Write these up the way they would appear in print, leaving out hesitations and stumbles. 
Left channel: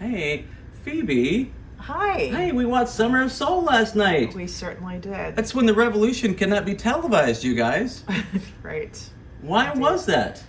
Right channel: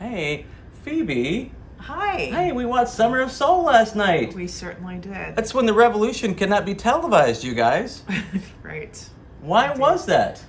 Hey, Phoebe. Hi. Hey, we watched Summer of Soul last night. We certainly did. That's when the revolution cannot be televised, you guys. Right. Why Indeed. was that?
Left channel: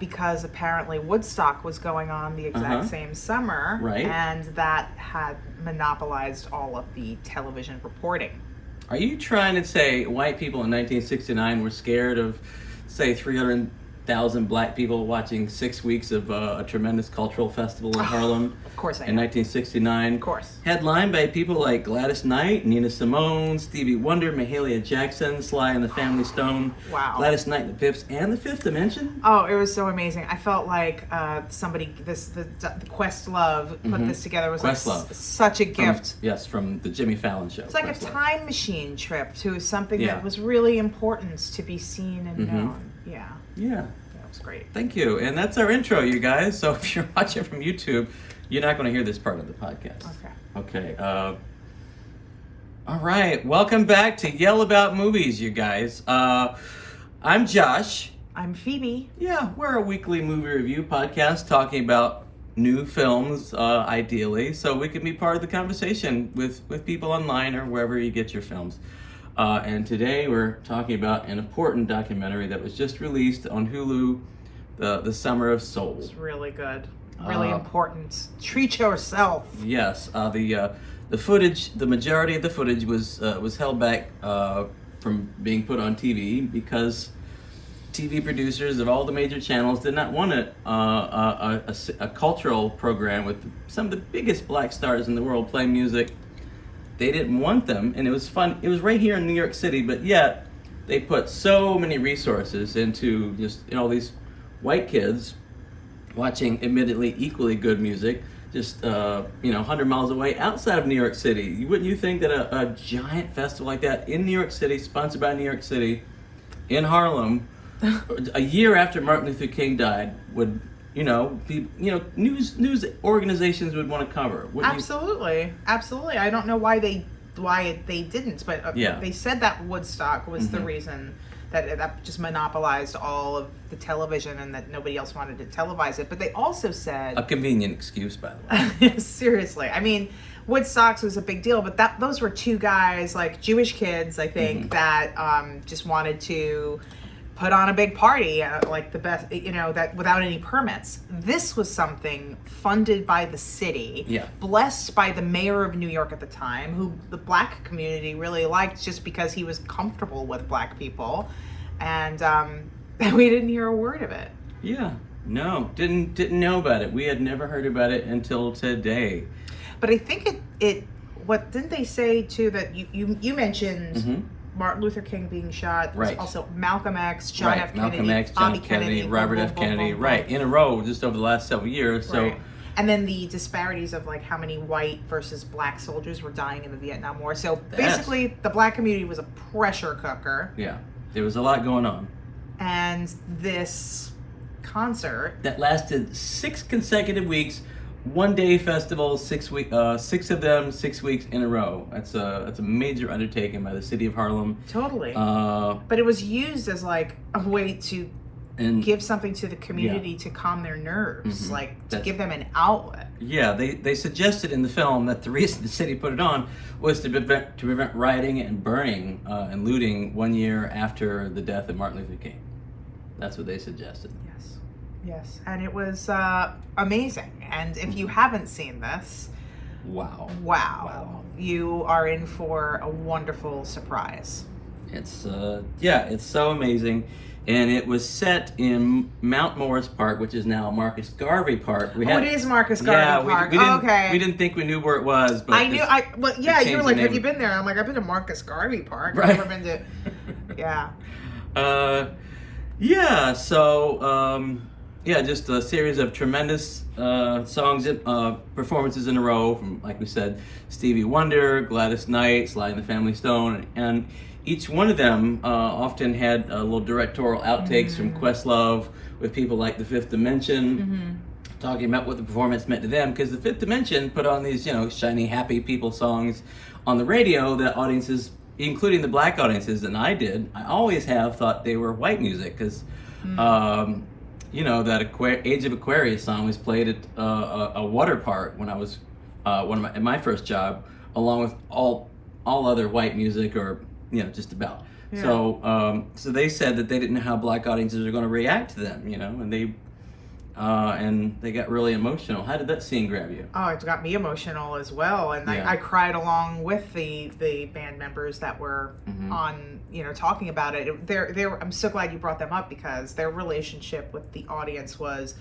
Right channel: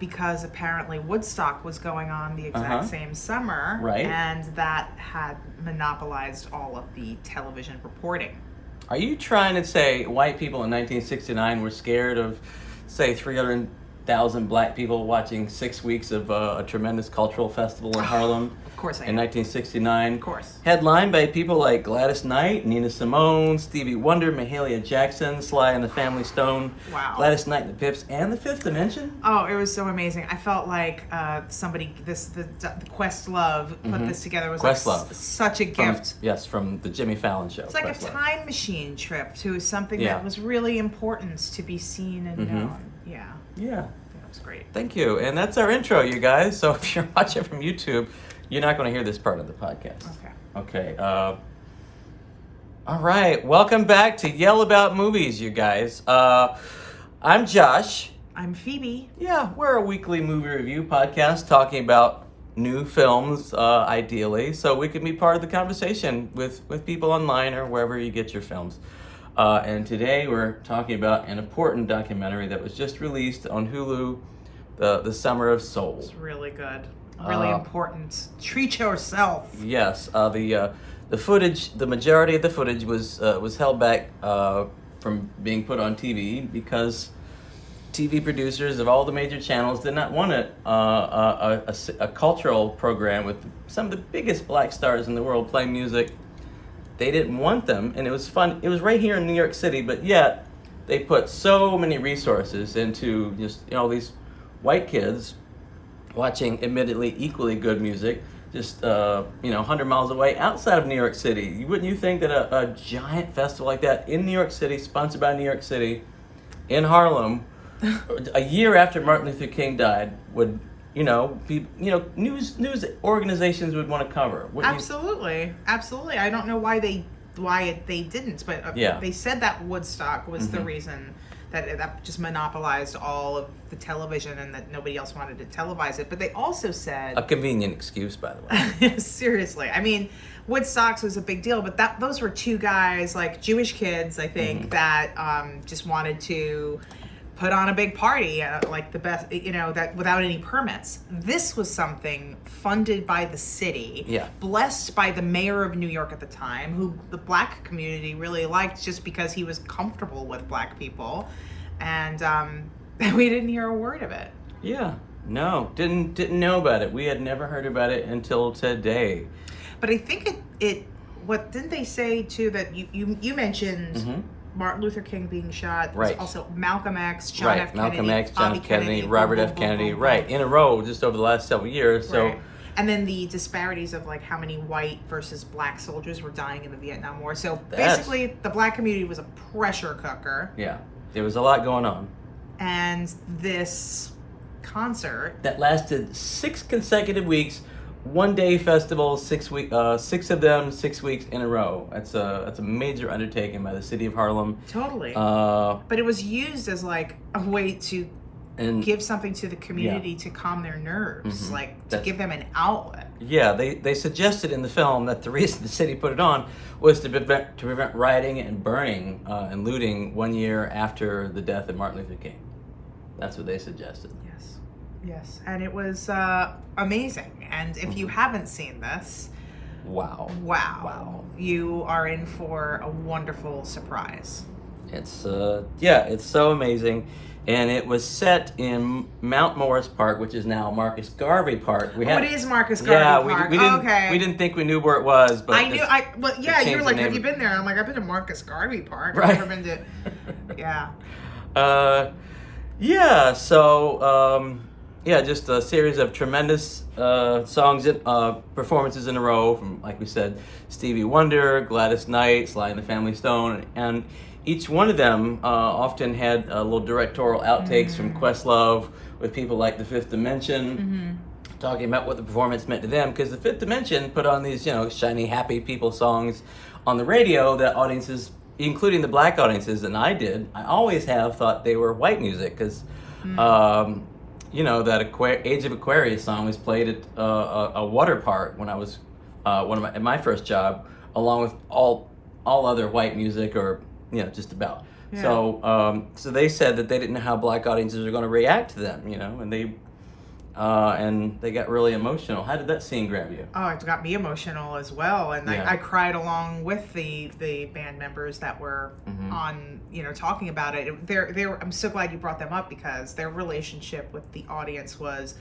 Because apparently Woodstock was going on the exact same summer. Right. And that had monopolized all of the television reporting. Are you trying to say white people in 1969 were scared of, say, 300,000 black people watching 6 weeks of a tremendous cultural festival in Harlem? Of course I In am. 1969. Of course. Headlined by people like Gladys Knight, Nina Simone, Stevie Wonder, Mahalia Jackson, Sly and the Family Stone, Wow. Gladys Knight and the Pips, and the Fifth Dimension. Oh, it was so amazing. I felt like the Questlove put this together. It was Questlove. like such a gift. From the Jimmy Fallon show. It's like Questlove. a time machine trip to something Yeah. that was really important to be seen and known. Yeah. Yeah. That was great. Thank you. And that's our intro, you guys. So if you're watching from YouTube, you're not going to hear this part of the podcast. Okay. Okay. All right. Welcome back to Yell About Movies, you guys. I'm Josh. I'm Phoebe. Yeah, we're a weekly movie review podcast talking about new films, ideally, so we can be part of the conversation with people online or wherever you get your films. And today we're talking about an important documentary that was just released on Hulu, The Summer of Soul. It's really good. Really important. Treat yourself. Yes, the footage, the majority of the footage was held back from being put on TV because TV producers of all the major channels did not want a cultural program with some of the biggest black stars in the world playing music. They didn't want them, and it was fun. It was right here in New York City, but yet they put so many resources into just these white kids watching admittedly equally good music just 100 miles away outside of New York City. Wouldn't you think that a giant festival like that in New York City, sponsored by New York City, in Harlem, a year after Martin Luther King died, would news organizations would want to cover? Absolutely. I don't know why they didn't, but they said that Woodstock was the reason that just monopolized all of the television and that nobody else wanted to televise it. But they also said a convenient excuse, by the way. Seriously, I mean, Woodstock was a big deal, but those were two guys, like Jewish kids, I think, that just wanted to put on a big party, like the best, that without any permits. This was something funded by the city, blessed by the mayor of New York at the time, who the black community really liked just because he was comfortable with black people, and we didn't hear a word of it. Yeah, no, didn't know about it. We had never heard about it until today. But I think what didn't they say too that you mentioned? Martin Luther King being shot. Right. Also Malcolm X, John F. Kennedy, Malcolm X, John F. Kennedy, Robert F. Kennedy, right, in a row just over the last several years. So, and then the disparities of like how many white versus black soldiers were dying in the Vietnam War. So basically, the black community was a pressure cooker. Yeah, there was a lot going on. And this concert that lasted 6 consecutive weeks. 1-day festival, 6 of them 6 weeks in a row. That's a major undertaking by the city of Harlem. Totally. But it was used as like a way to give something to the community to calm their nerves, to give them an outlet. Yeah, they suggested in the film that the reason the city put it on was to prevent rioting and burning and looting 1 year after the death of Martin Luther King. That's what they suggested. Yes, and it was amazing. And if you haven't seen this, wow, you are in for a wonderful surprise. It's so amazing, and it was set in Mount Morris Park, which is now Marcus Garvey Park. It is Marcus Garvey Park. We didn't think we knew where it was, but you were like, have you been there? And I'm like, I've been to Marcus Garvey Park. Right. I've never been to. Just a series of tremendous songs and performances in a row from, like we said, Stevie Wonder, Gladys Knight, Sly and the Family Stone, and each one of them often had little directorial outtakes from Questlove with people like the Fifth Dimension, talking about what the performance meant to them, because the Fifth Dimension put on these, shiny, happy people songs on the radio that audiences, including the black audiences, and I always have thought they were white music, because that Age of Aquarius song was played at a water park when I was at my first job, along with all other white music, or just about. Yeah. So they said that they didn't know how black audiences are going to react to them, and they got really emotional. How did that scene grab you? Oh, it got me emotional as well, and Yeah. I cried along with the band members that were on, talking about it. I'm so glad you brought them up, because their relationship with the audience was,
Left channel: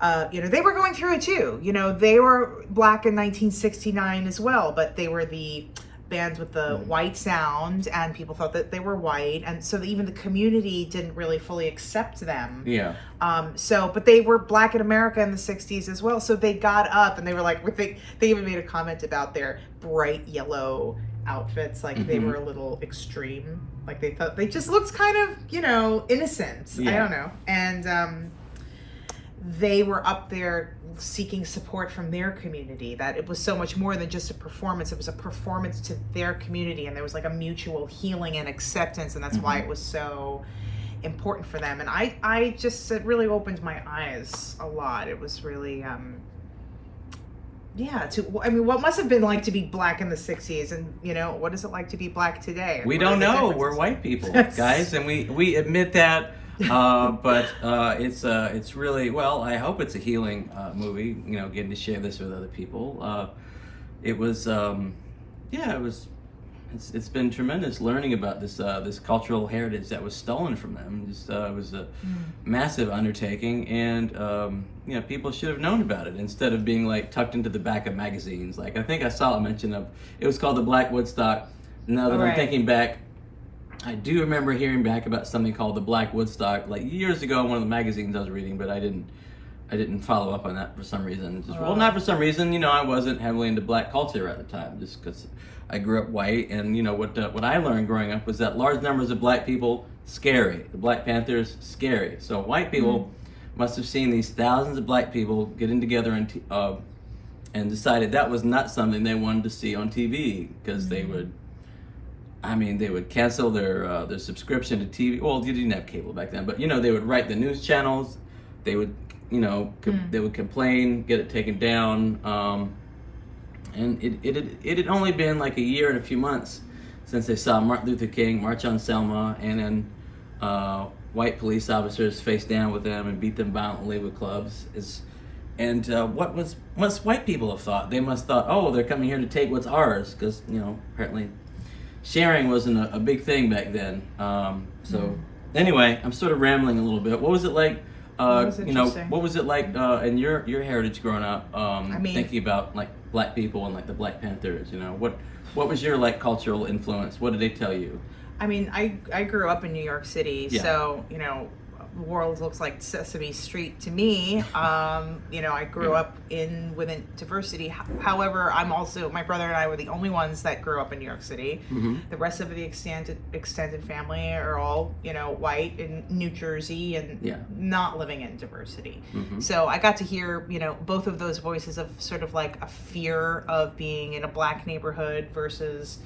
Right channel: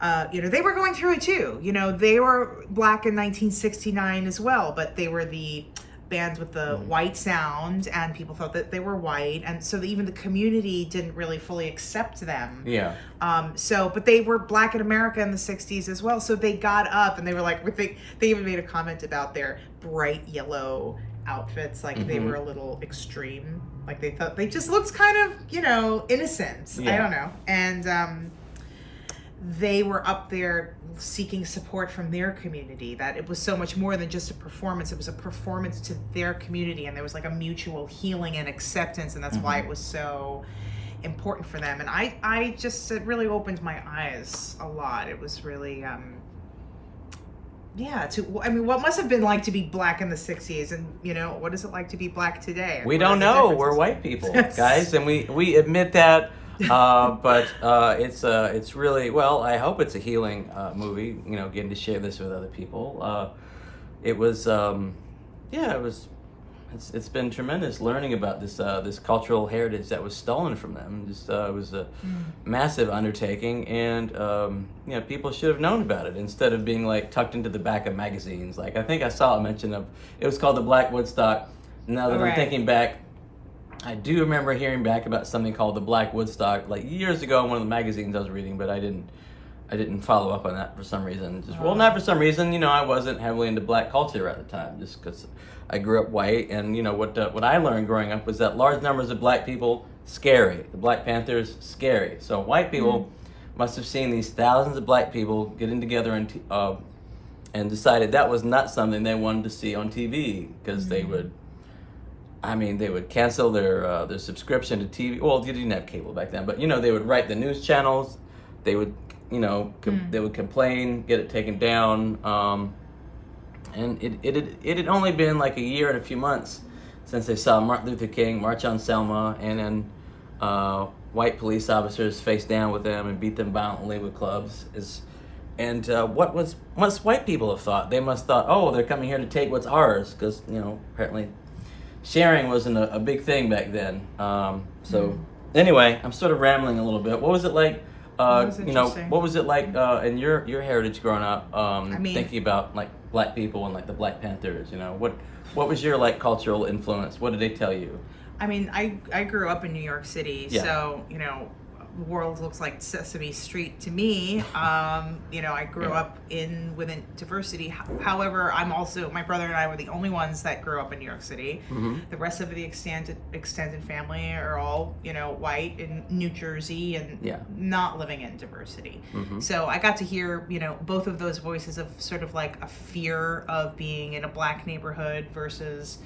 they were going through it too. They were black in 1969 as well, but they were the bands with the white sound, and people thought that they were white, and so even the community didn't really fully accept them. Yeah. But they were black in America in the 60s as well, so they got up and they were like, they even made a comment about their bright yellow outfits, like they were a little extreme, like they thought they just looked kind of innocent. I don't know. And they were up there seeking support from their community, that it was so much more than just a performance. It was a performance to their community, and there was like a mutual healing and acceptance, and that's why it was so important for them. And I just, it really opened my eyes a lot. It was really what must have been like to be black in the 60s, and what is it like to be black today? We don't know. We're white people, guys, and we admit that. But it's really, well, I hope it's a healing movie, getting to share this with other people. It's been tremendous learning about this cultural heritage that was stolen from them. It was a massive undertaking, and people should have known about it instead of being like tucked into the back of magazines. Like, I think I saw a mention of, it was called the Black Woodstock. Now that I'm thinking back, I do remember hearing back about something called the Black Woodstock, like years ago in one of the magazines I was reading, but I didn't follow up on that for some reason. Not for some reason, I wasn't heavily into black culture at the time, just because I grew up white, and what I learned growing up was that large numbers of black people, scary. The Black Panthers, scary. So white people must have seen these thousands of black people getting together and decided that was not something they wanted to see on TV, because they would cancel their subscription to TV. Well, you didn't have cable back then, but they would write the news channels. They would, they would complain, get it taken down. And it had only been like a year and a few months since they saw Martin Luther King march on Selma, and then white police officers face down with them and beat them violently with clubs. What must white people have thought? They must have thought, oh, they're coming here to take what's ours, because apparently sharing wasn't a big thing back then. Anyway, I'm sort of rambling a little bit. What was it like? What was it like in your heritage growing up? Thinking about like black people and like the Black Panthers. What was your like cultural influence? What did they tell you? I grew up in New York City, so the world looks like Sesame Street to me. I grew up within diversity. However, my brother and I were the only ones that grew up in New York City. The rest of the extended family are all, white in New Jersey and not living in diversity. So I got to hear, both of those voices of sort of like a fear of being in a black neighborhood versus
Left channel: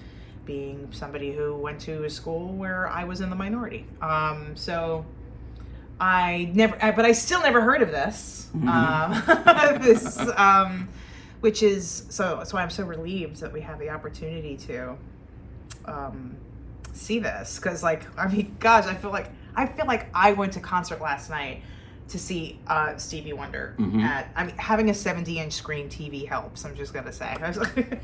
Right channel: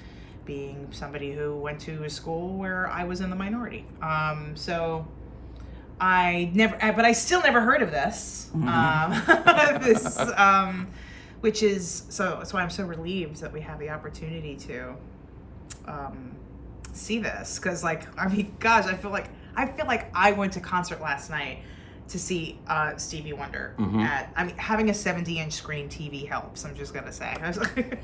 being somebody who went to a school where I was in the minority. But I still never heard of this. Which is that's why I'm so relieved that we have the opportunity to see this. Because gosh, I feel like I went to concert last night to see Stevie Wonder having a 70-inch screen TV helps. I'm just gonna say. I was like,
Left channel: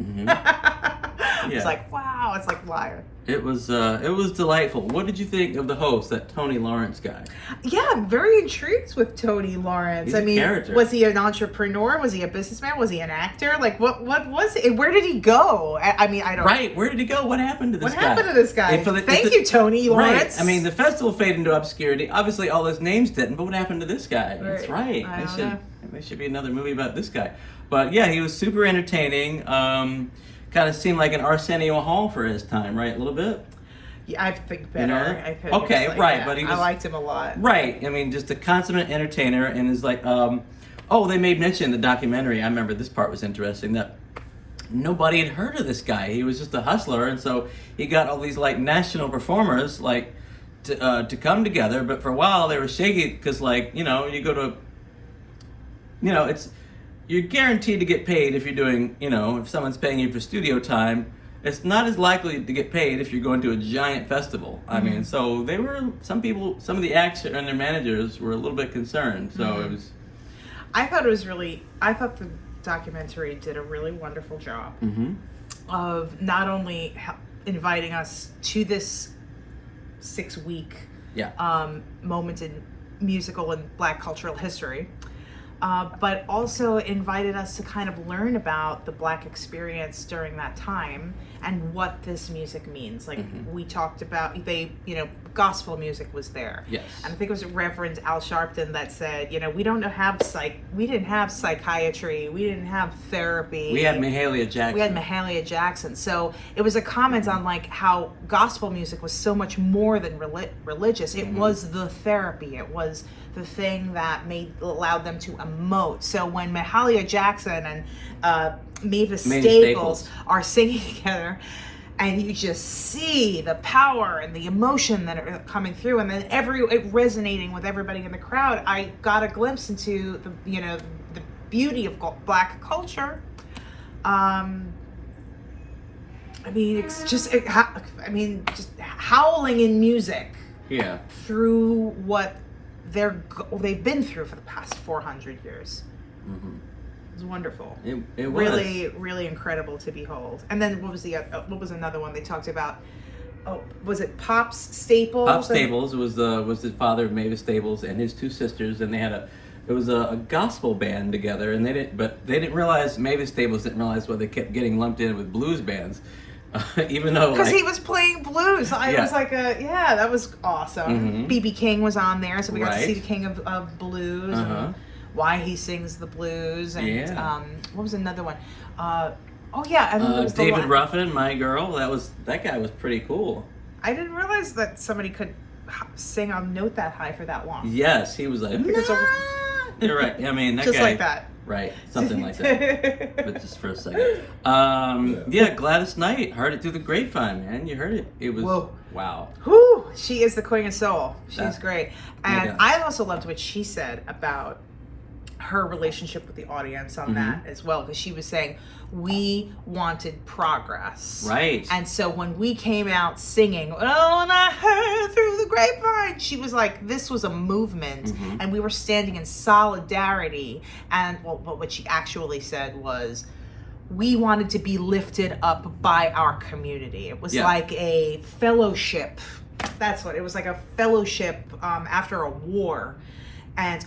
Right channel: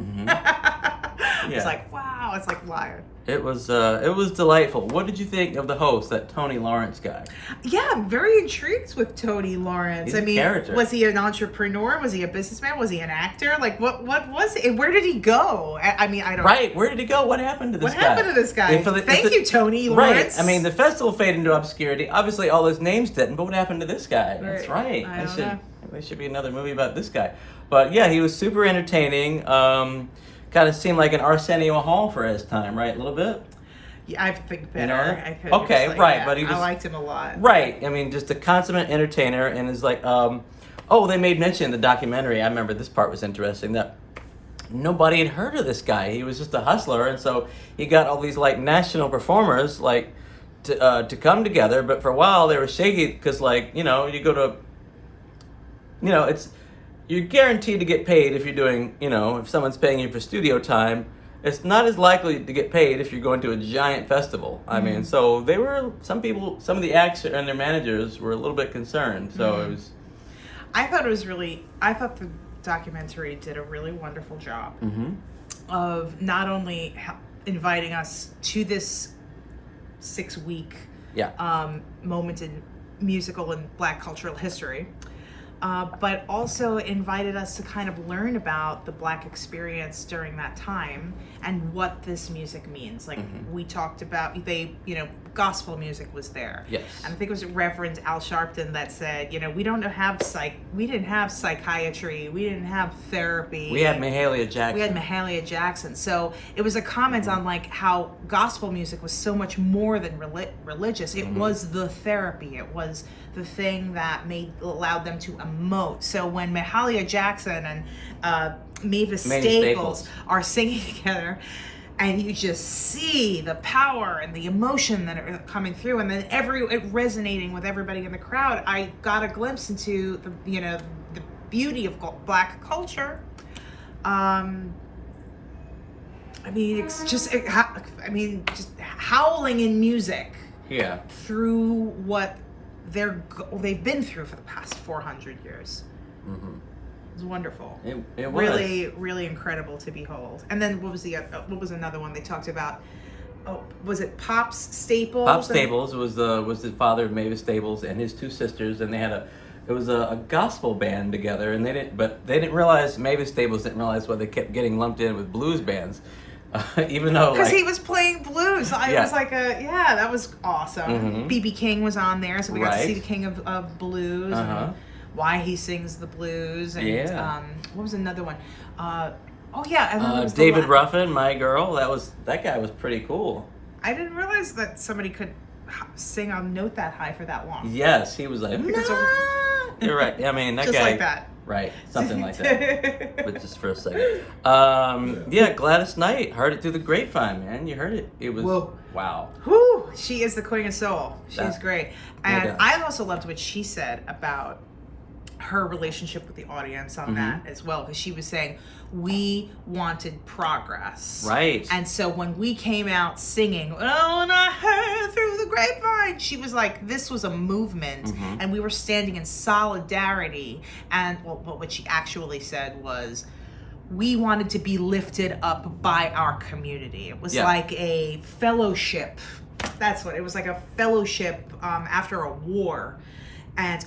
it's like, wow, it's like live. It was delightful. What did you think of the host, that Tony Lawrence guy? Yeah, I'm very intrigued with Tony Lawrence. He's a character. Was he an entrepreneur? Was he a businessman? Was he an actor? Like, what was it? Where did he go? I don't. Right, where did he go? What happened to this guy? What happened to this guy? Thank you, Tony Lawrence. Right. The festival faded into obscurity. Obviously, all those names didn't, but what happened to this guy? Right. That's right. I don't know. There should be another movie about this guy. But yeah, he was super entertaining. Kind of seemed like an Arsenio Hall for his time, right? A little bit. Yeah, I think better. I think okay, right, but I liked him a lot. Right. Just a consummate entertainer, and is like, they made mention in the documentary. I remember this part was interesting, that nobody had heard of this guy. He was just a hustler, and so he got all these like national performers, like to come together. But for a while they were shaky because, like, you know, you go to, you know, it's, you're guaranteed to get paid if you're doing, you know, if someone's paying you for studio time. It's not as likely to get paid if you're going to a giant festival. I mean, so they were, some of the acts and their managers were a little bit concerned. So it was. I thought the documentary did a really wonderful job of not only inviting us to this 6-week moment in musical and Black cultural history, but also invited us to kind of learn about the Black experience during that time and what this music means. Like we talked about, gospel music was there. Yes. And I think it was Reverend Al Sharpton that said, we didn't have psychiatry, we didn't have therapy. We had Mahalia Jackson. So it was a comment on like how gospel music was so much more than religious. It was the therapy. It was the thing that allowed them to emote. So when Mahalia Jackson and Mavis Staples are singing together, and you just see the power and the emotion that are coming through, and then it resonating with everybody in the crowd, I got a glimpse into the beauty of Black culture. I mean, it's just just howling in music. Yeah. Through what they've been through for the past 400 years. It was wonderful. It was really, really incredible to behold. And then what was another one they talked about? Oh, was it Pops Staples? Pop Staples was the father of Mavis Staples and his two sisters, and they had a gospel band together, and they didn't realize, Mavis Staples didn't realize why they kept getting lumped in with blues bands. Even though, because he was playing blues, so I was like, that was awesome. BB King was on there, so we got to see the king of blues and why he sings the blues, and what was another one? And then there was David Ruffin, My Girl. That guy was pretty cool. I didn't realize that somebody could sing a note that high for that long. Yes, he was like, you're right. I mean, that just guy, like that. Right, something like that. But just for a second. Gladys Knight, heard it through the grapevine, man. You heard it. It was, whoa. Wow. Whew, she is the queen of soul. She's great. And I also loved what she said about her relationship with the audience on that as well, because she was saying, we wanted progress. Right. And so when we came out singing, oh, and I heard through the grapevine, she was like, this was a movement, and we were standing in solidarity. And what she actually said was, we wanted to be lifted up by our community. It was like a fellowship. That's what it was, like a fellowship after a war. And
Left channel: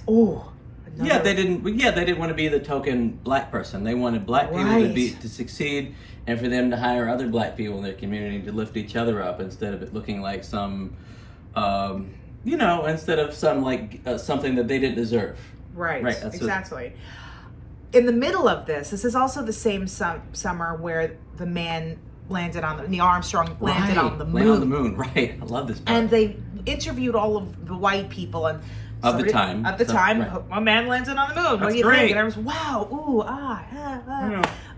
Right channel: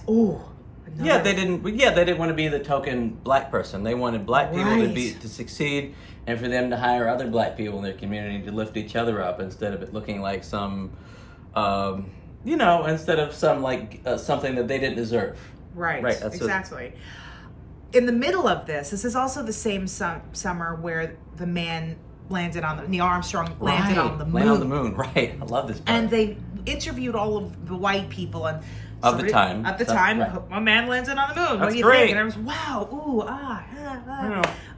they didn't want to be the token Black person. They wanted Black people to succeed, and for them to hire other Black people in their community to lift each other up, instead of it looking like some, instead of some something that they didn't deserve. Right. Exactly. In the middle of this is also the same summer where the man landed on Neil Armstrong landed on the moon. Landed on the moon, right? I love this part. And they interviewed all of the white people and. At the time, a man landed on the moon. What do you think? And I was, wow,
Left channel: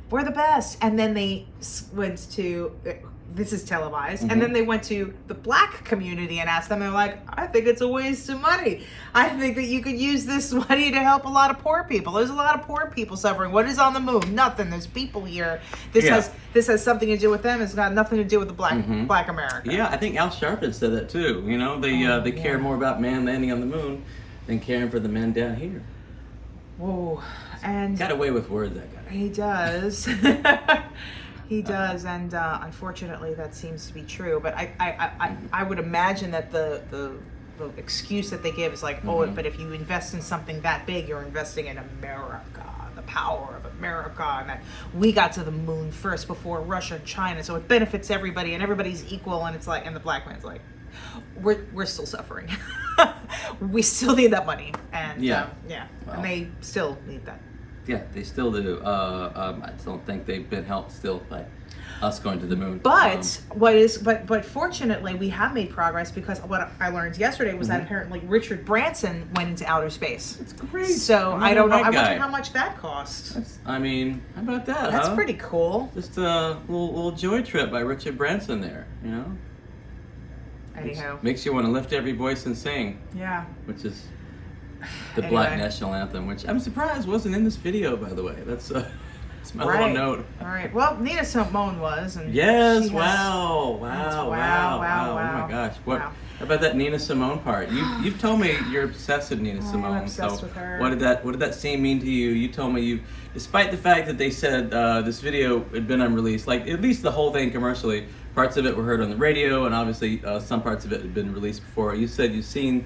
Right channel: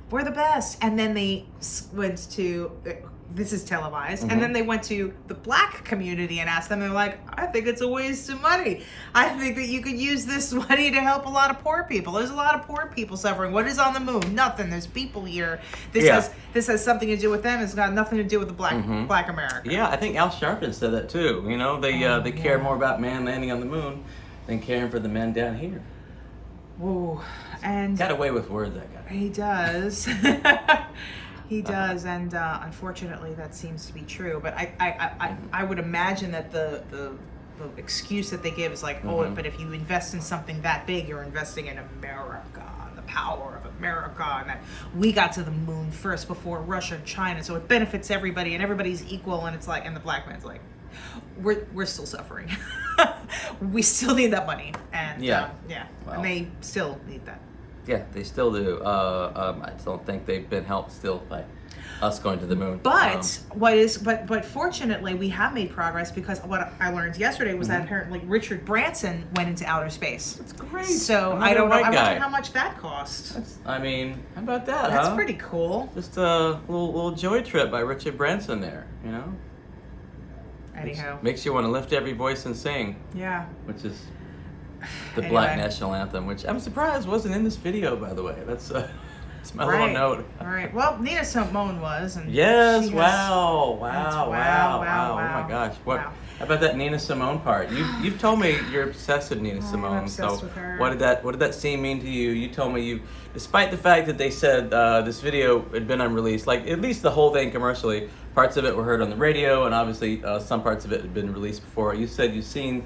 we're the best. And then they went to, this is televised, and then they went to the Black community and asked them, they're like, I think it's a waste of money. I think that you could use this money to help a lot of poor people. There's a lot of poor people suffering. What is on the moon? Nothing. There's people here. This has something to do with them. It's got nothing to do with the Black America. Yeah, I think Al Sharpton said that too. They care more about man landing on the moon than caring for the men down here. Whoa. And got away with words, that guy. He does. He does, and unfortunately that seems to be true. But I would imagine that the excuse that they give is like, but if you invest in something that big, you're investing in America, the power of America, and that we got to the moon first before Russia and China, so it benefits everybody and everybody's equal. And it's like, and the Black man's like, we're still suffering. We still need that money, and well, and they still need that. Yeah, they still do. I don't think they've been helped still by us going to the moon. But but fortunately, we have made progress, because what I learned yesterday was that apparently Richard Branson went into outer space. That's great. So I don't know. I wonder how much that cost. How about that? That's pretty cool. Just a little joy trip by Richard Branson there. Anywho. Makes you want to lift every voice and sing. Yeah. Which is the Anyway. Black National Anthem, which I'm surprised wasn't in this video, by the way. That's my little note. All right. Well, Nina Simone was, and Yes. she has, wow. Oh my gosh. What? Wow. How about that Nina Simone part? You've told me you're obsessed with Nina Simone. I'm obsessed with her. What did that scene mean to you? You told me despite the fact that they said this video had been unreleased, like at least the whole thing commercially, parts of it were heard on the radio, and obviously some parts of it had been released before. You said you've seen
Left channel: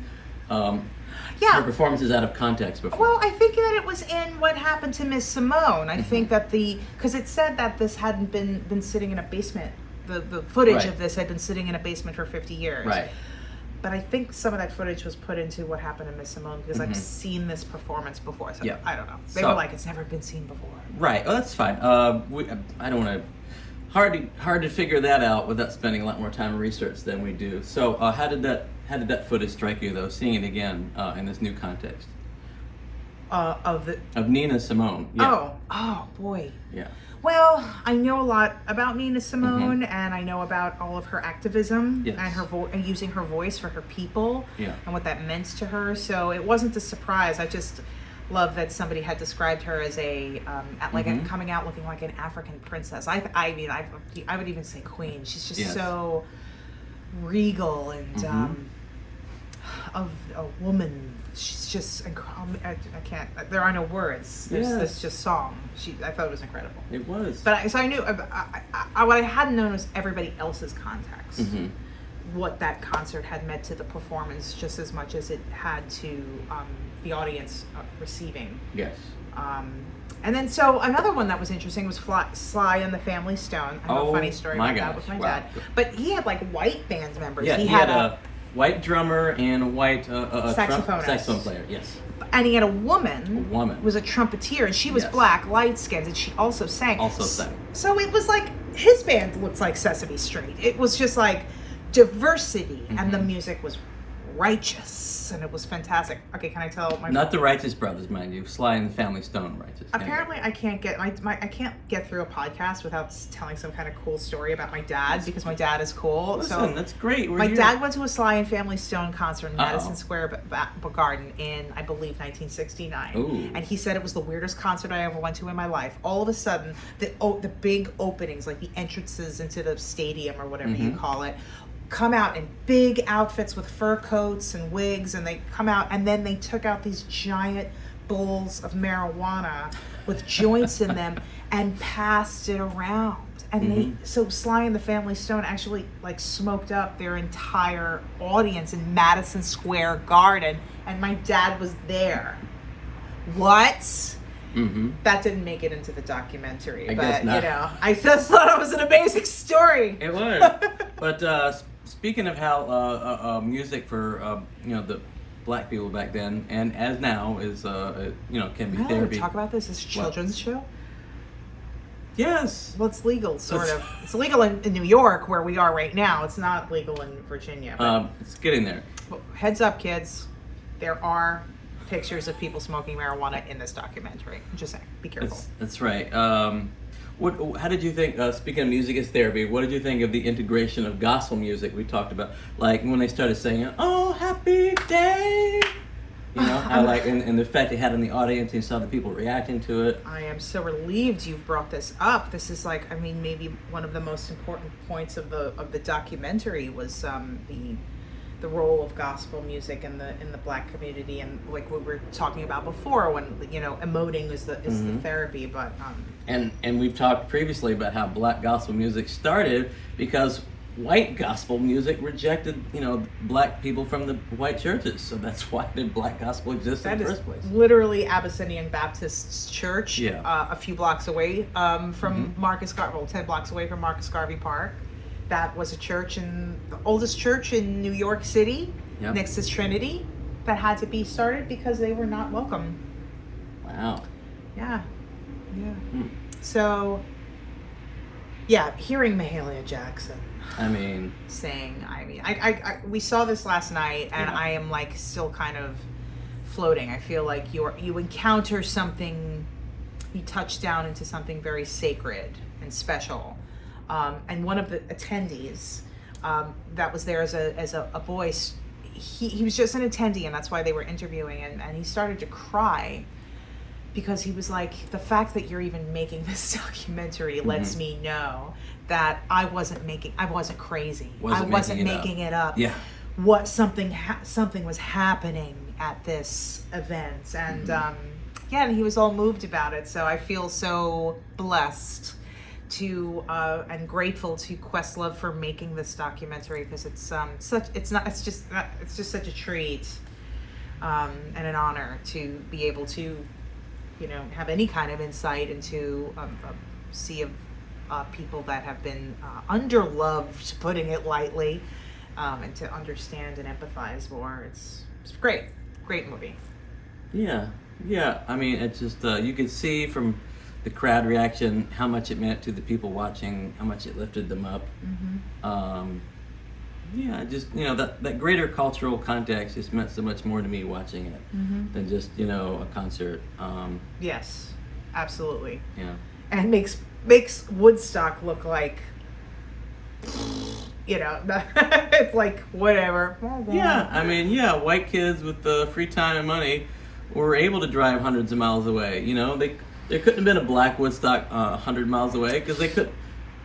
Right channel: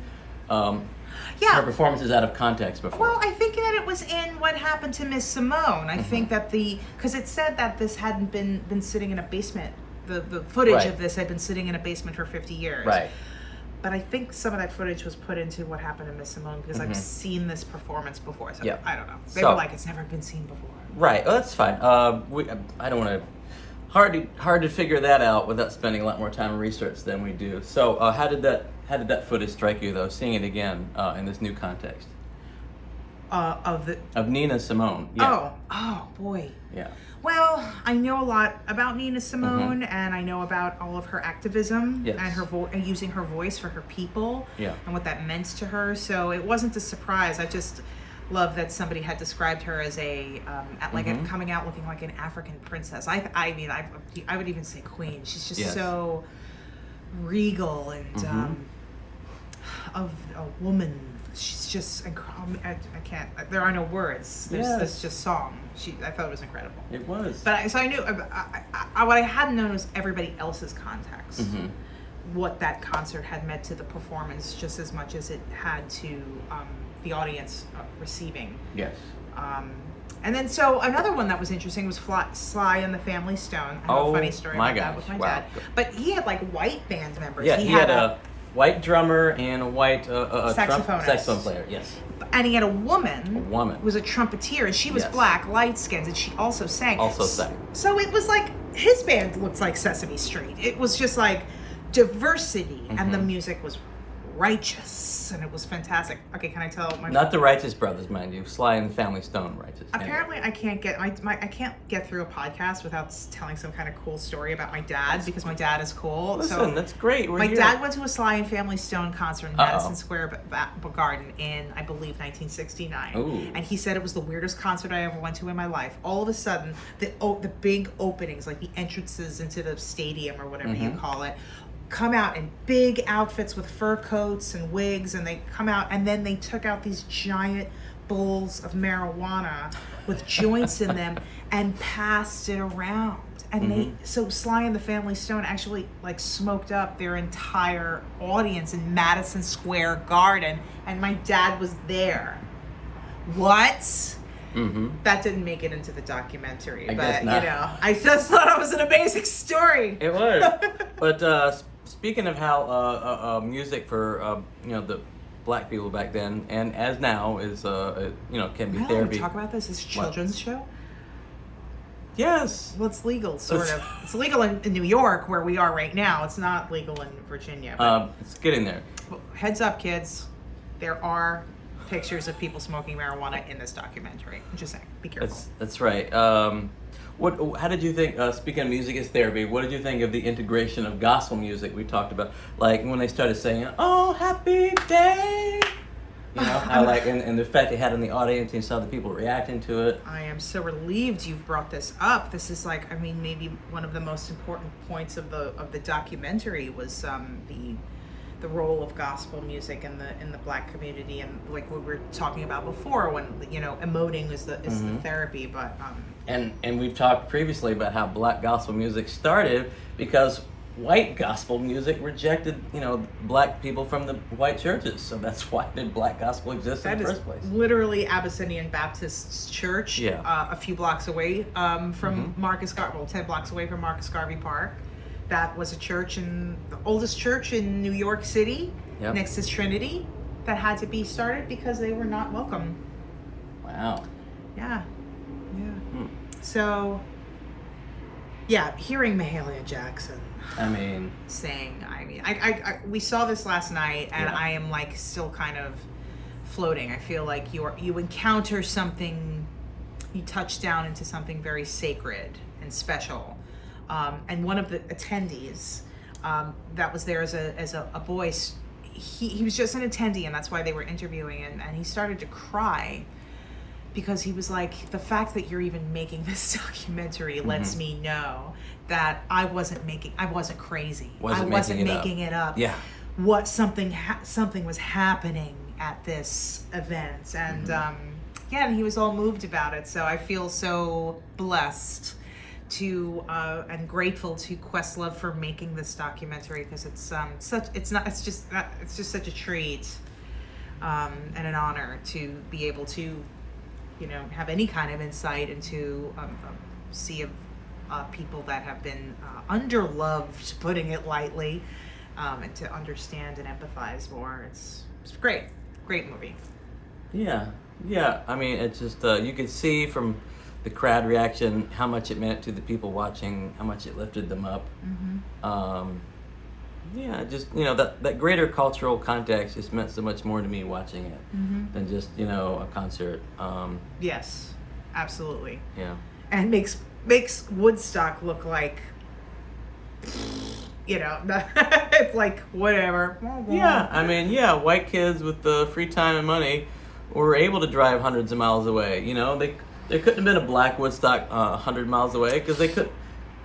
her performances out of context before. Well, I think that it was in What Happened to Miss Simone. I think that because it said that this hadn't been sitting in a basement. The footage of this had been sitting in a basement for 50 years. Right. But I think some of that footage was put into What Happened to Miss Simone because I've seen this performance before. So I don't know. They were like, it's never been seen before. Right. Well, that's fine. I don't want to. Hard to figure that out without spending a lot more time in research than we do. So, how did that footage strike you, though? Seeing it again in this new context of Nina Simone. Yeah. Oh boy. Yeah. Well, I know a lot about Nina Simone, and I know about all of her activism and her using her voice for her people, and what that meant to her. So it wasn't a surprise. I just love that somebody had described her as coming out looking like an African princess. I mean, I would even say queen. She's just so regal and of a woman. She's just incredible. I can't. There are no words. There's just song. I thought it was incredible. It was. But so I knew. What I hadn't known was everybody else's context. What that concert had meant to the performance, just as much as it had to the audience receiving. Yes. And then so another one that was interesting was Sly and the Family Stone. I have a funny story about that with my dad. But he had like white band members. Yeah, he had a white drummer and a white saxophone player. Yes. And he had a woman. A woman. Who was a trumpeter, and she was black, light-skinned, and she also sang. So it was like his band looked like Sesame Street. It was just like diversity, and the music was righteous, and it was fantastic. Okay, can I tell my... Not the Righteous Brothers, mind you. Sly and the Family Stone righteous. Apparently, I can't get I can't get through a podcast without telling some kind of cool story about my dad, because my dad is cool. Listen, that's great. My dad went to a Sly and Family Stone concert in Madison Square Garden in, I believe, 1969. Ooh. And he said it was the weirdest concert I ever went to in my life. All of a sudden, the big openings, like the entrances into the stadium or whatever you call it, come out in big outfits with fur coats and wigs, and they come out, and then they took out these giant bowls of marijuana with joints in them and passed it around. And so Sly and the Family Stone actually like smoked up their entire audience in Madison Square Garden, and my dad was there. What? That didn't make it into the documentary, but you know, I just thought it was an amazing story. It was. But speaking of how music for the black people back then and as now is can be therapy. Talk about this. It's a children's show. Yes. Well, it's legal, sort of. It's legal in New York, where we are right now. It's not legal in Virginia. But it's getting there. Heads up, kids. There are pictures of people smoking marijuana in this documentary. I'm just saying, be careful. That's right. How did you think, speaking of music as therapy, what did you think of the integration of gospel music we talked about? Like when they started singing, "Oh, happy day," you know, and the effect it had on the audience, and you saw the people reacting to it. I am so relieved you've brought this up. This is like, I mean, maybe one of the most important points of the documentary was the role of gospel music in the black community, and like we were talking about before, when emoting is the therapy. But and we've talked previously about how black gospel music started because white gospel music rejected black people from the white churches, so that's why the black gospel exists in the first place. Literally Abyssinian Baptist Church, a few blocks away from Marcus Garvey, 10 blocks away from Marcus Garvey Park. That was a church, the oldest church in New York City, next to Trinity, that had to be started because they were not welcome. Wow. Yeah. So, hearing Mahalia Jackson. Sing. We saw this last night, and I am like still kind of floating. I feel like you encounter something, you touch down into something very sacred and special. And one of the attendees that was there as a boy. He was just an attendee, and that's why they were interviewing, and he started to cry because he was like, the fact that you're even making this documentary lets me know that I wasn't crazy. I wasn't making it up. Yeah. What something was happening at this event, and and he was all moved about it. So I feel so blessed to and grateful to Questlove for making this documentary, because it's just such a treat and an honor to be able to have any kind of insight into a sea of people that have been underloved, putting it lightly, and to understand and empathize more. It's great movie. Yeah. I mean, it's just you could see from the crowd reaction how much it meant to the people watching, how much it lifted them up. Just that greater cultural context just meant so much more to me watching it than just a concert. Yes, absolutely. Yeah, and makes Woodstock look like it's like whatever. Yeah, I mean, white kids with free time and money were able to drive hundreds of miles away. There couldn't have been a black Woodstock 100 miles away, because they could.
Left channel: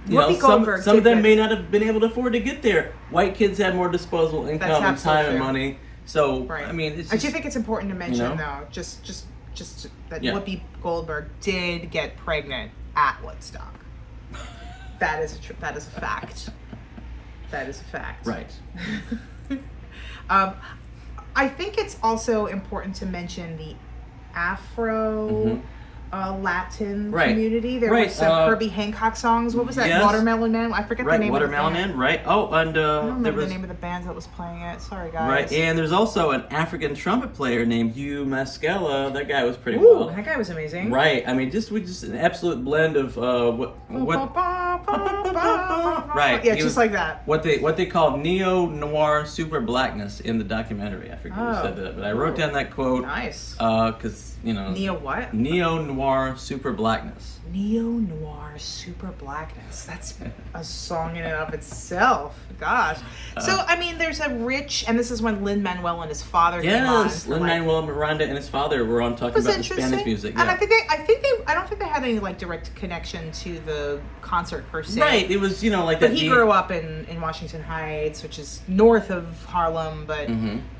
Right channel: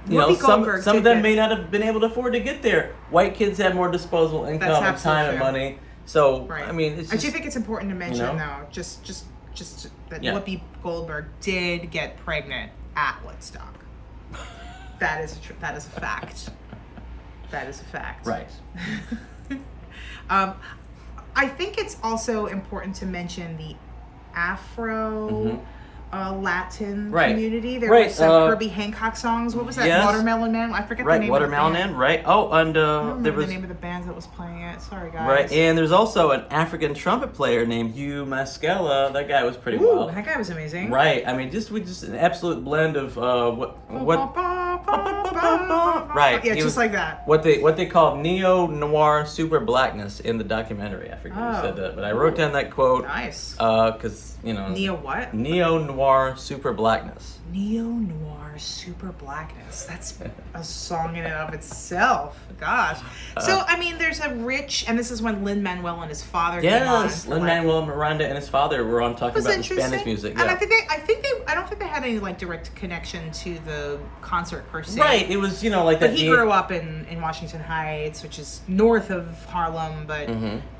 Some of them may not have been able to afford to get there. White kids had more disposable income and time and money. So, right. I mean, it's just, I do think it's important to mention, though, just that Whoopi Goldberg did get pregnant at Woodstock. That is a fact. That is a fact. Right. I think it's also important to mention the Afro Latin community. There were some Herbie Hancock songs. What was that? Yes. Watermelon Man? I forget the name Watermelon of the band. Man, right. Oh, and I don't remember the name of the band that was playing it. Sorry, guys. Right, and there's also an African trumpet player named Hugh Mascala. That guy was pretty wild. That guy was amazing. Right. I mean, just an absolute blend of right. Yeah, just like that. What they called neo-noir super blackness in the documentary. I forget who said that, but I wrote down that quote. Nice. Because Neo what? Neo-noir super blackness. Neo-noir super blackness. That's a song in and of itself. Gosh. So I mean, there's a rich, and this is when Lin-Manuel and his father came on. Yes, Lin-Manuel Miranda and his father were on talking about the Spanish music. Yeah. And I don't think they had any direct connection to the concert per se. Right. It was like but that. He grew up in Washington Heights, which is north of Harlem, but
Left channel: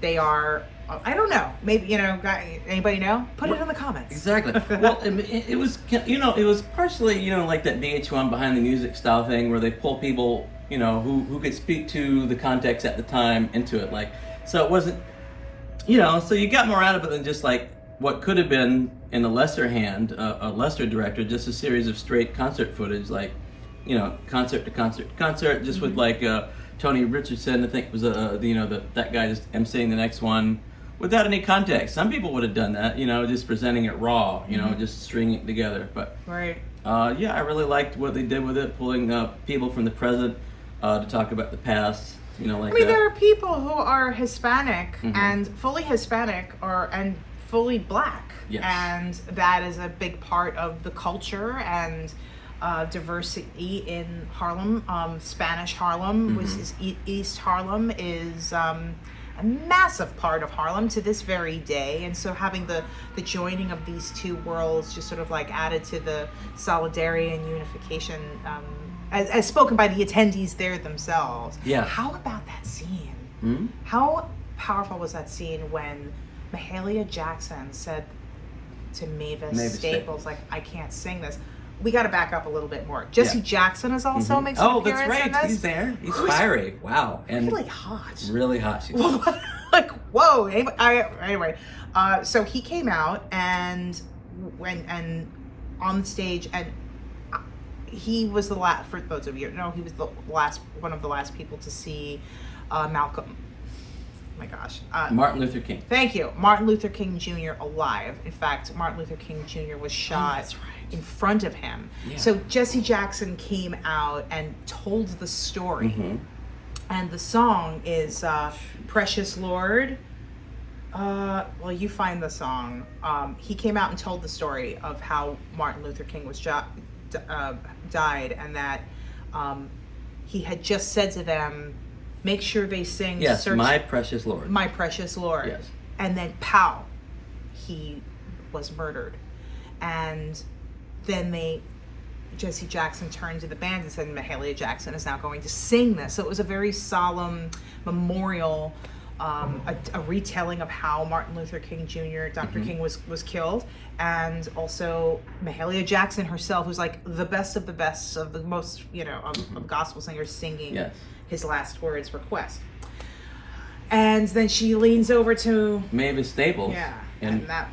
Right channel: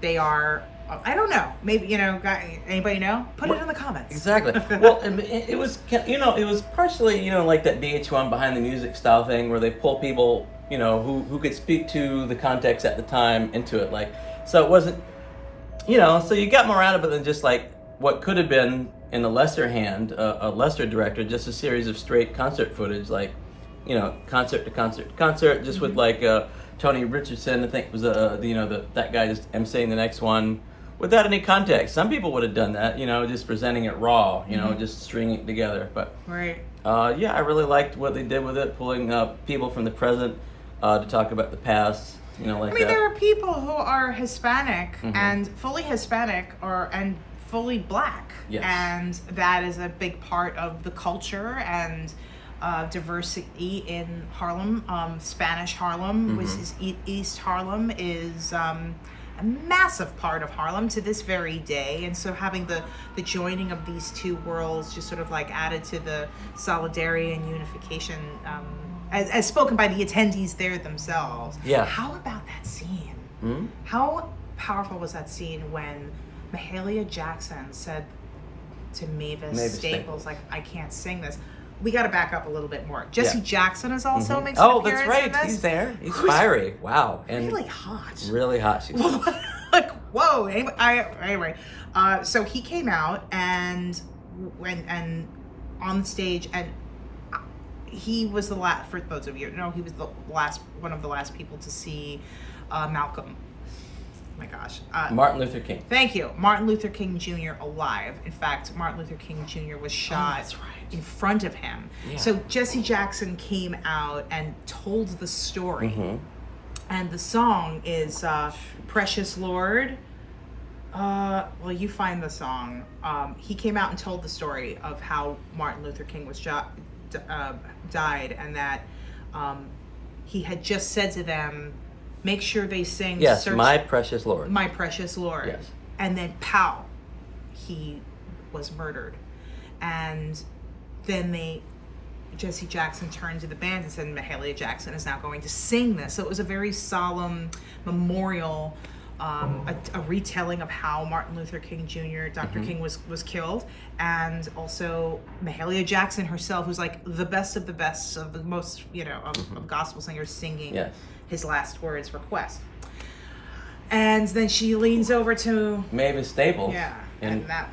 they are. I don't know. Maybe anybody know? Put it in the comments. Exactly. Well, it was it was partially like that VH1 behind the music style thing where they pull people who could speak to the context at the time into it. So it wasn't so you got more out of it than just what could have been in a lesser hand, a lesser director, just a series of straight concert footage, concert to concert to concert, just with Tony Richardson, I think was that guy just emceeing the next one without any context. Some people would have done that, just presenting it raw, just stringing it together. But right. I really liked what they did with it, pulling people from the present to talk about the past. There are people who are Hispanic and fully Hispanic and fully black. Yes. And that is a big part of the culture and diversity in Harlem. Spanish Harlem, which is East Harlem, is a massive part of Harlem to this very day. And so having the joining of these two worlds just sort of added to the solidarity and unification as spoken by the attendees there themselves. Yeah. How about that scene? How powerful was that scene when Mahalia Jackson said to Mavis Staples, I can't sing this. We got to back up a little bit more. Jesse Jackson is also makes an appearance that's right. in this. He's there. He's fiery. Wow. And really hot. Really hot. She's whoa. Anyway, so he came out and on the stage, and he was the last. For those of you who know, he was one of the last people to see Malcolm. Oh my gosh. Martin Luther King. Thank you. Martin Luther King Jr. alive. In fact, Martin Luther King Jr. was shot in front of him. Yeah. So Jesse Jackson came out and told the story. And the song is Precious Lord. Well, you find the song. He came out and told the story of how Martin Luther King was died, and that he had just said to them, make sure they sing Yes, Search My Precious Lord. My Precious Lord. Yes. And then pow, he was murdered. And then Jesse Jackson turned to the band and said, Mahalia Jackson is now going to sing this. So it was a very solemn memorial, a retelling of how Martin Luther King Jr., Dr. King was killed. And also Mahalia Jackson herself, who's like the best of the most, of gospel singers, singing his last words request. And then she leans over to Mavis Staples. Yeah. And that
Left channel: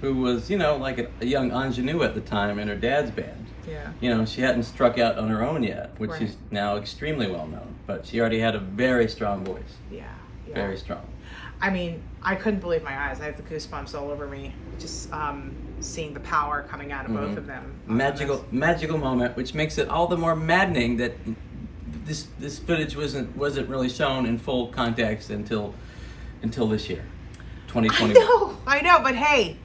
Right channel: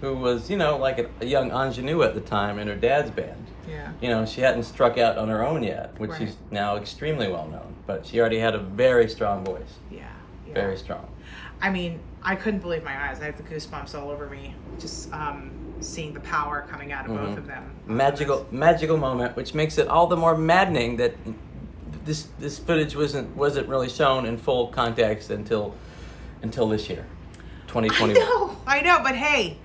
who was, like a young ingenue at the time in her dad's band. Yeah. She hadn't struck out on her own yet, which Right. is now extremely well known. But she already had a very strong voice. Yeah. Very strong. I mean, I couldn't believe my eyes. I had the goosebumps all over me, just seeing the power coming out of both of them. Magical moment, which makes it all the more maddening that this footage wasn't really shown in full context until this year, 2020. I know, but hey,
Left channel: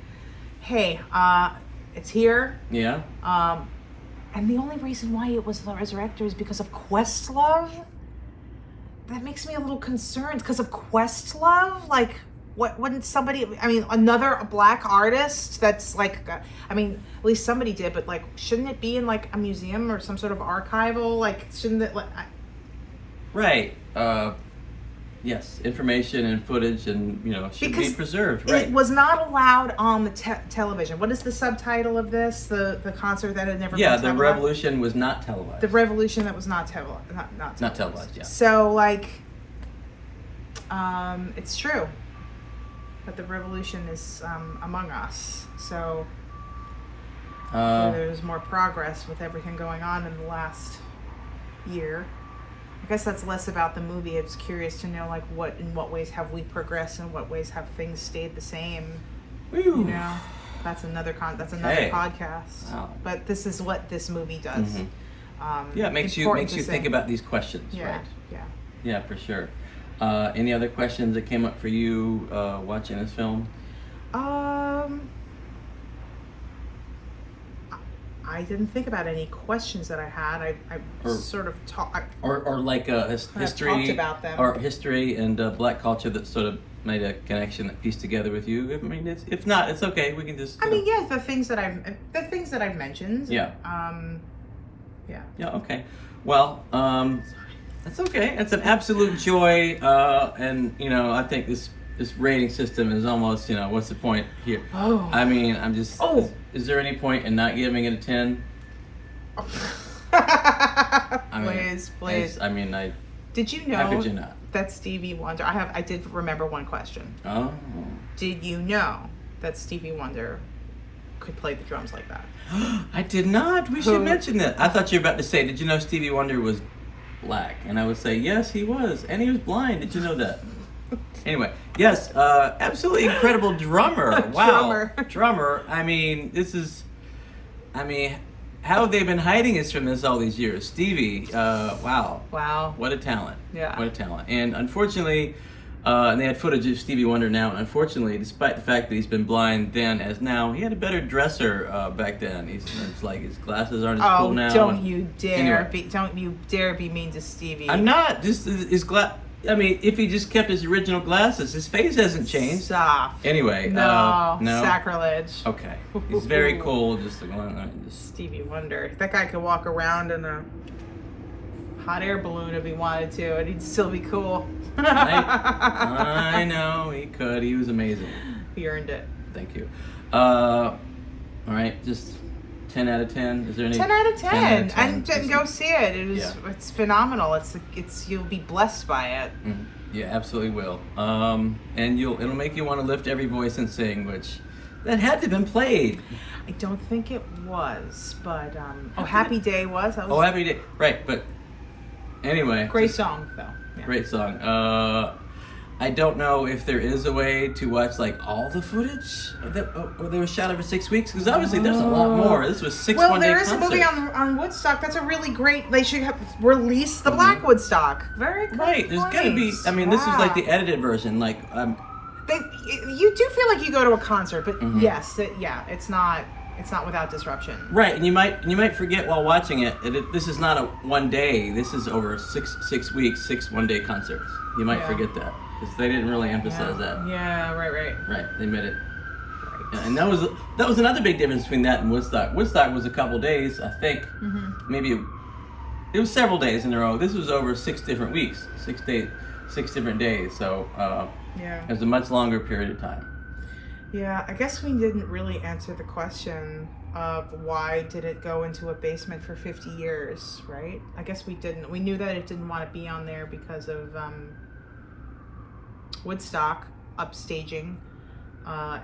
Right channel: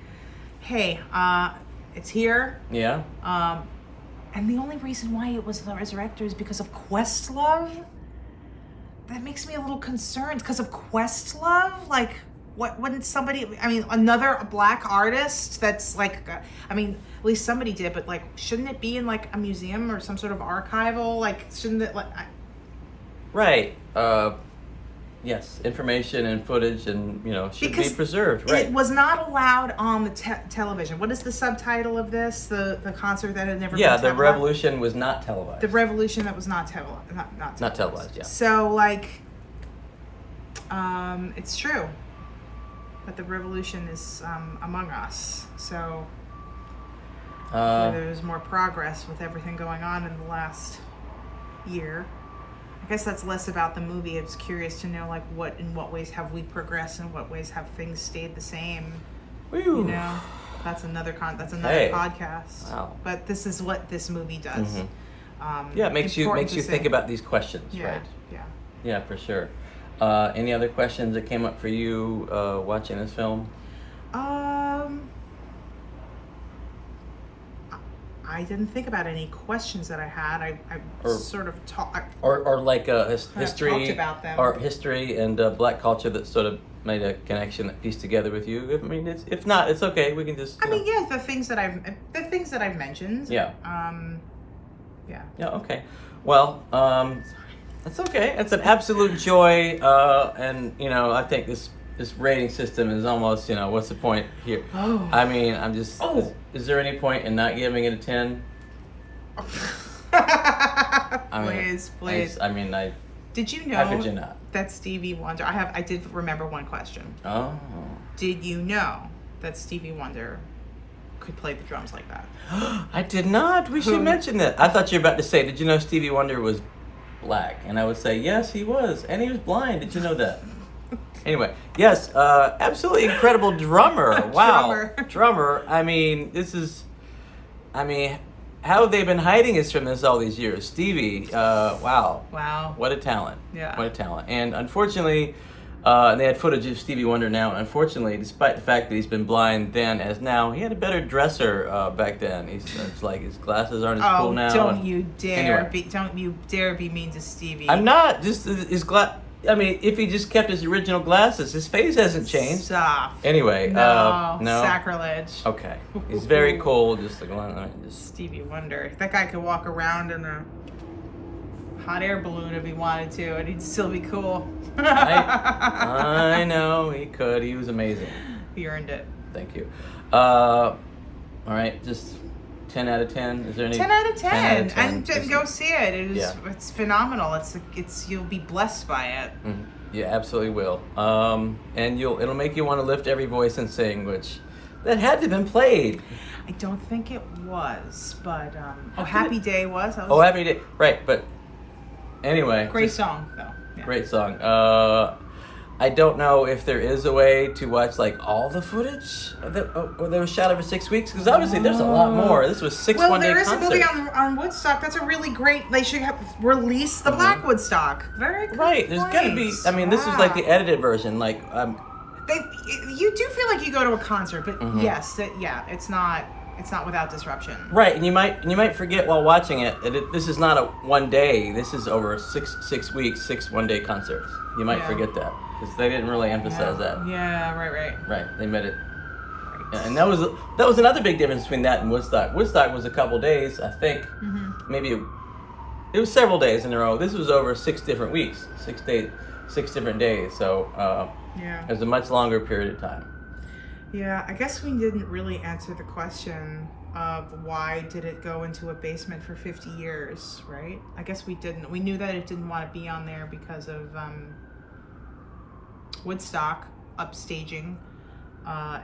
it's here. Yeah. And the only reason why it was the Resurrector is because of Questlove. That makes me a little concerned because of Questlove. Like, what wouldn't somebody? I mean, another black artist that's like, at least somebody did, but like, shouldn't it be in like a museum or some sort of archival? Like, shouldn't it? Like, Right. Yes, information and footage and, should be preserved. Right. It was not allowed on the television. What is the subtitle of this? The concert that had never been televised? Yeah, the revolution was not televised. The revolution that was not televised. Not televised, yeah. So, like, it's true that the revolution is among us. So, there's more progress with everything going on in the last year. I guess that's less about the movie. It's curious to know, like, in what ways have we progressed, and what ways have things stayed the same. Woo. That's another podcast. Wow. But this is what this movie does. It makes you think about these questions. Yeah, right? Yeah, for sure. Any other questions that came up for you watching this film? I didn't think about any questions that I had. I sort of talked. Or like history, talked about them. Or history and black culture that sort of made a connection that pieced together with you. I mean, if not, it's okay. We can just. The things that I've mentioned. Yeah. Yeah. Yeah. Okay. Well, that's okay. It's an absolute joy, and I think this rating system is almost, what's the point here? Oh. I mean, I'm just. Oh. Is there any point in not giving it a 10? Please. Did you know? How could you not? That Stevie Wonder? I did remember one question. Oh. Did you know that Stevie Wonder could play the drums like that? I did not. We should mention that. I thought you were about to say, did you know Stevie Wonder was black? And I would say, yes, he was. And he was blind. Did you know that? Anyway, yes, absolutely incredible drummer. Wow. Drummer. I mean, how have they been hiding us from this all these years? Stevie, wow. Wow. What a talent. Yeah. What a talent. And unfortunately, they had footage of Stevie Wonder now, and unfortunately, despite the fact that he's been blind then as now, he had a better dresser back then. It's like his glasses aren't as cool now. Don't you dare be mean to Stevie. I'm not. Just his if he just kept his original glasses, his face hasn't changed. Stop. Anyway, no, no sacrilege. Okay, he's very cool. Just Stevie Wonder. That guy could walk around in a hot air balloon if he wanted to, and he'd still be cool. I know he could. He was amazing. He earned it. Thank you. All right, just 10 out of 10. Is there any 10 out of 10? 10 out of 10. And go see it. It's phenomenal. It's you'll be blessed by it. Mm-hmm. You absolutely will. And it'll make you want to lift every voice and sing, which that had to have been played. I don't think it was, but Happy Day was. Happy Day. Right, but anyway. Great song though. Yeah. Great song. I don't know if there is a way to watch like all the footage that was shot over 6 weeks, because obviously there's a lot more. This was 6 one-day there is concerts. a movie on Woodstock. That's a really great. They should have released the Black Woodstock. Very good. Right. There's got to be. I mean, this is like the edited version. Like you do feel like you go to a concert, but yes, it's not. It's not without disruption. Right, and you might forget while watching it. This is not a one day. This is over 6 weeks, 6 one-day concerts. You might forget that because they didn't really emphasize that. Yeah, right. Right, they made it. Right. Yeah, and that was another big difference between that and Woodstock. Woodstock was a couple days, I think. Mm-hmm. Maybe it was several days in a row. This was over 6 different weeks, 6 different days. So it was a much longer period of time. Yeah, I guess we didn't really answer the question of why did it go into a basement for 50 years, right? I guess we didn't. We knew that it didn't want to be on there because of Woodstock upstaging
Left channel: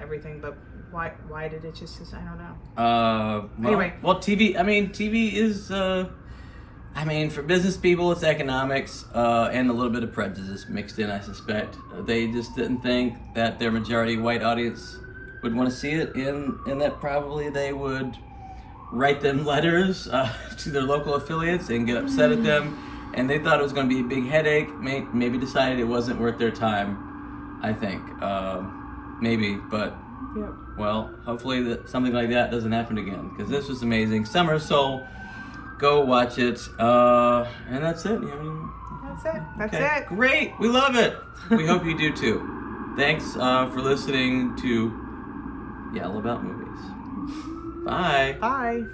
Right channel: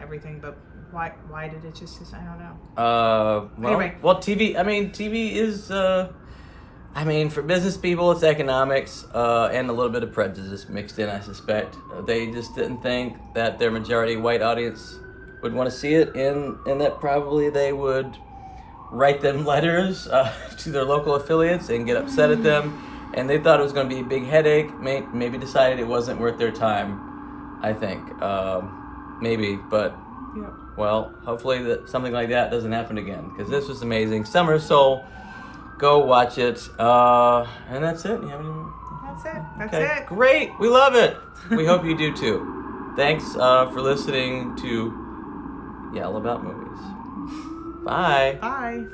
everything, but why did it just? I don't know. Anyway, TV. I mean, TV is. For business people, it's economics and a little bit of prejudice mixed in, I suspect. They just didn't think that their majority white audience would want to see it, and that probably they would write them letters to their local affiliates and get upset at them. And they thought it was going to be a big headache. Maybe decided it wasn't worth their time, I think. Maybe, but... Yep. Well, hopefully that something like that doesn't happen again, because this was amazing. Summer Soul, go watch it, and that's it. That's it. Great, we love it. We hope you do too. Thanks for listening to Yell About Movies. Bye. Bye.